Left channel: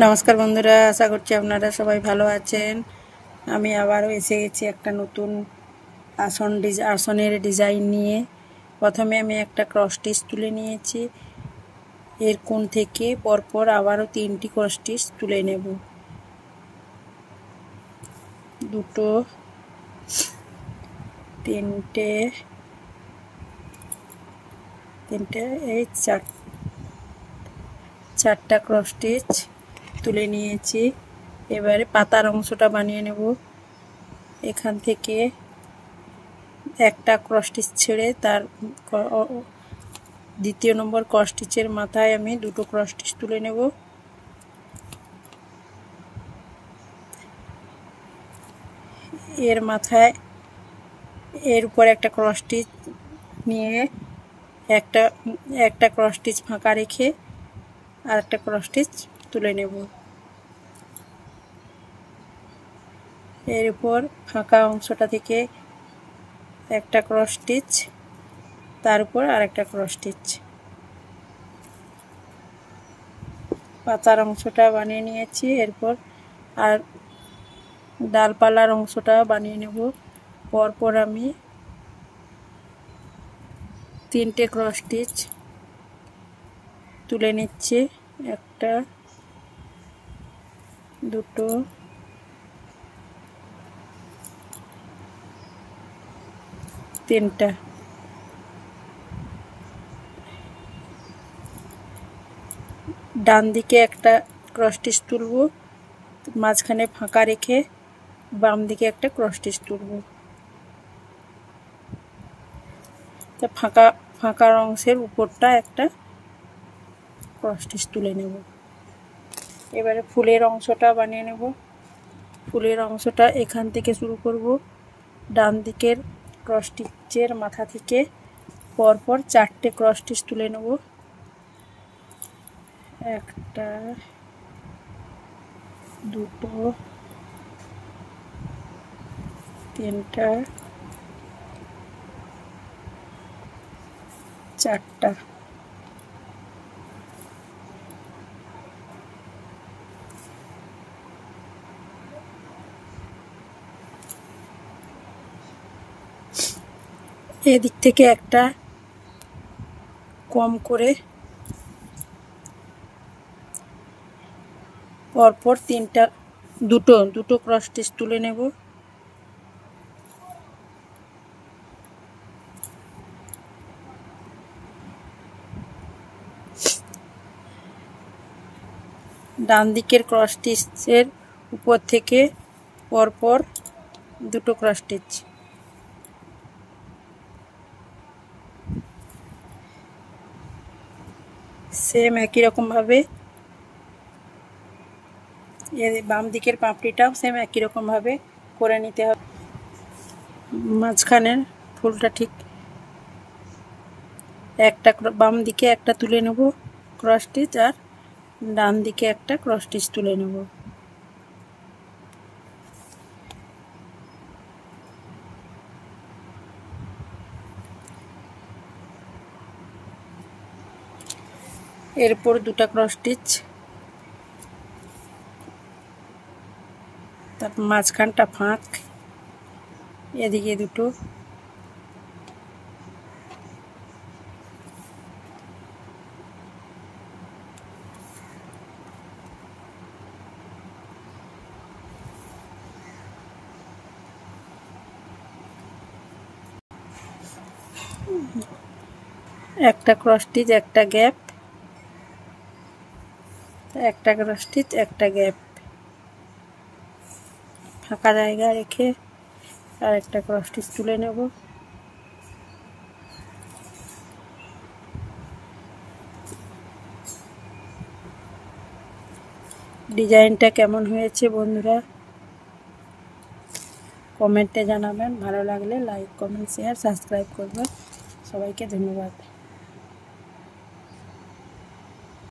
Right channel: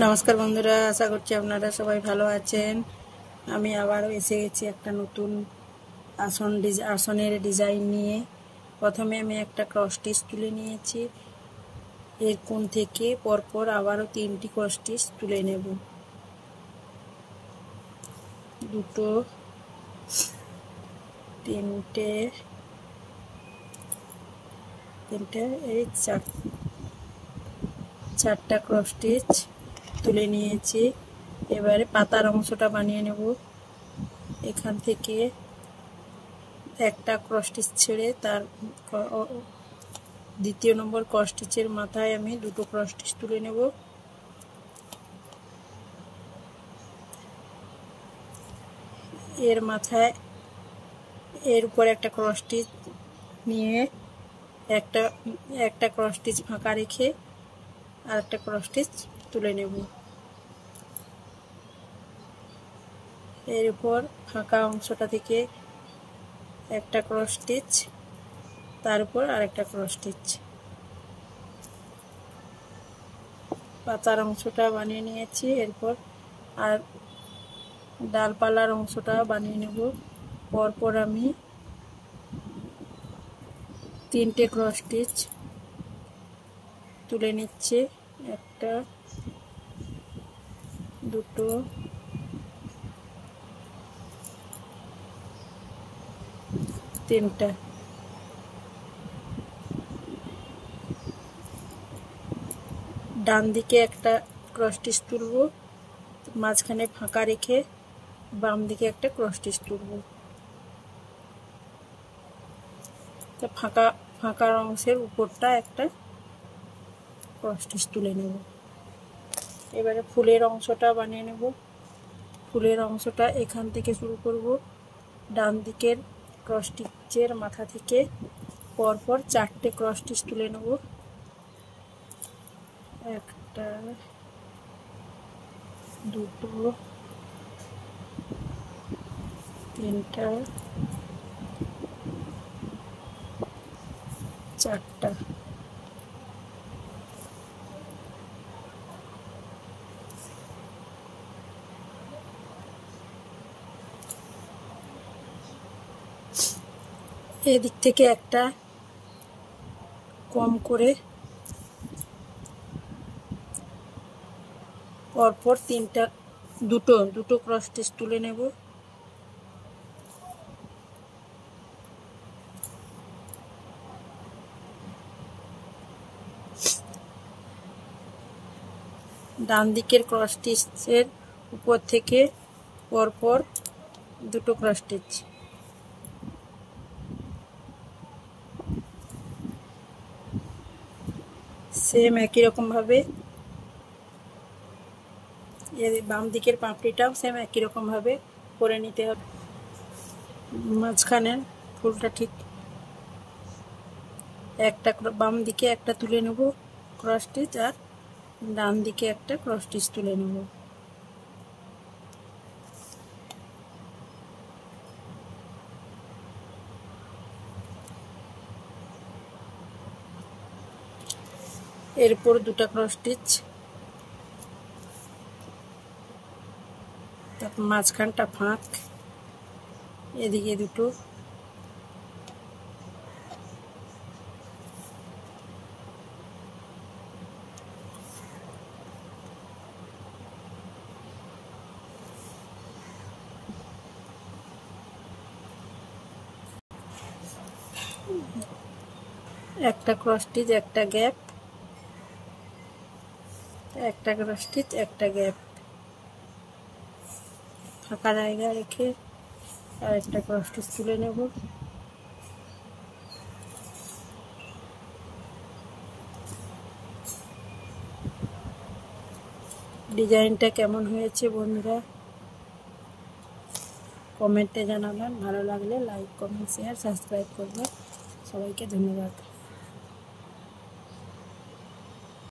নমস্কার বন্ধুরা, আশা করছি আপনারা সবাই ভালো আছেন। আমি আবারও এসে গেছি একটা নতুন আসনের ডিজাইন নিয়ে। প্রথমে আমি একটা ক্রস স্টিচ তুলে নিয়েছি, এর কোণ থেকে পরপর আবারও 3টি ক্রস স্টিচ তুলে নেব। দুটো, তিনটে, এই চারটা ক্রস স্টিচ তুলে নিয়েছি। এবারে পাতার অংশটা বানিয়ে নেব। এখান থেকে একটা ক্রস স্টিচ ছেড়ে তার দ্বিতীয় নম্বর ক্রস স্টিচের মাথায় আমি দুটো ক্রস স্টিচ তুলে নেব। এর মাথায় এর উপর একটা ক্রস স্টিচ নিয়ে একটা ক্রস স্টিচ ফাঁকা রেখে আর একটা ক্রস স্টিচ তুলে নেব। এর উপর ফাঁকা অংশটা থেকে একটা ক্রস স্টিচ, তার উপর আর একটা ক্রস স্টিচ। পাতার অংশটা বানিয়ে নিয়েছি। এরপর আর ডালপালার অংশটা বানিয়ে নেব। পরপর আমি 3টে ক্রস স্টিচ তুলে নিচ্ছি। একটা, দুটো, তিনটা। ডান দিকে একটা ক্রস স্টিচ তুলব, মাঝখানে ফাঁকা রেখে বাম দিকে একটা ক্রস স্টিচ তুলব। ফাঁকা অংশের উপরটা একটা ক্রস স্টিচ তুলে নেব। এবারে ফুলের অংশটা বানিয়ে নেব। ফুলের অংশটা এখান থেকে শুরু করব। ডান দিকের ক্রস স্টিচের মাথা থেকে পরপর 4টে ক্রস স্টিচ তুলে নেব। একটা, দুটো, তিনটা, চারটা। এদিক থেকে একটা কম করে পরপর দুটো ক্রস স্টিচ তুলে নেব। ডান দিকের ক্রস স্টিচের উপর থেকে পরপর দুটো ক্রস স্টিচ। সেম একই রকম ভাবে এর বাম দিকের পাপড়িটাও সেম একই রকম ভাবে করে নিতে হবে। মাঝখানের ফুলটা ঠিক একটা বাম দিকে একটা তুলে নেব ক্রস স্টিচ, আর ডান দিকে একটা ক্রস স্টিচ তুলে নেব। এরপর দুটো ক্রস স্টিচ, তারপর মাঝখানটা ফাঁক, এদিকে দুটো, একটা ক্রস স্টিচ, একটা গ্যাপ, একটা ক্রস স্টিচ, একটা গ্যাপ, ফাঁকা জায়গা রেখে আর একটা ক্রস স্টিচ তুলে নেব। ডিজাইনটা কেমন হয়েছে বন্ধুরা কমেন্টে জানাবেন। ভালো লাগলে লাইক, কমেন্ট, শেয়ার, সাবস্ক্রাইব করবেন। সবাইকে ধন্যবাদ।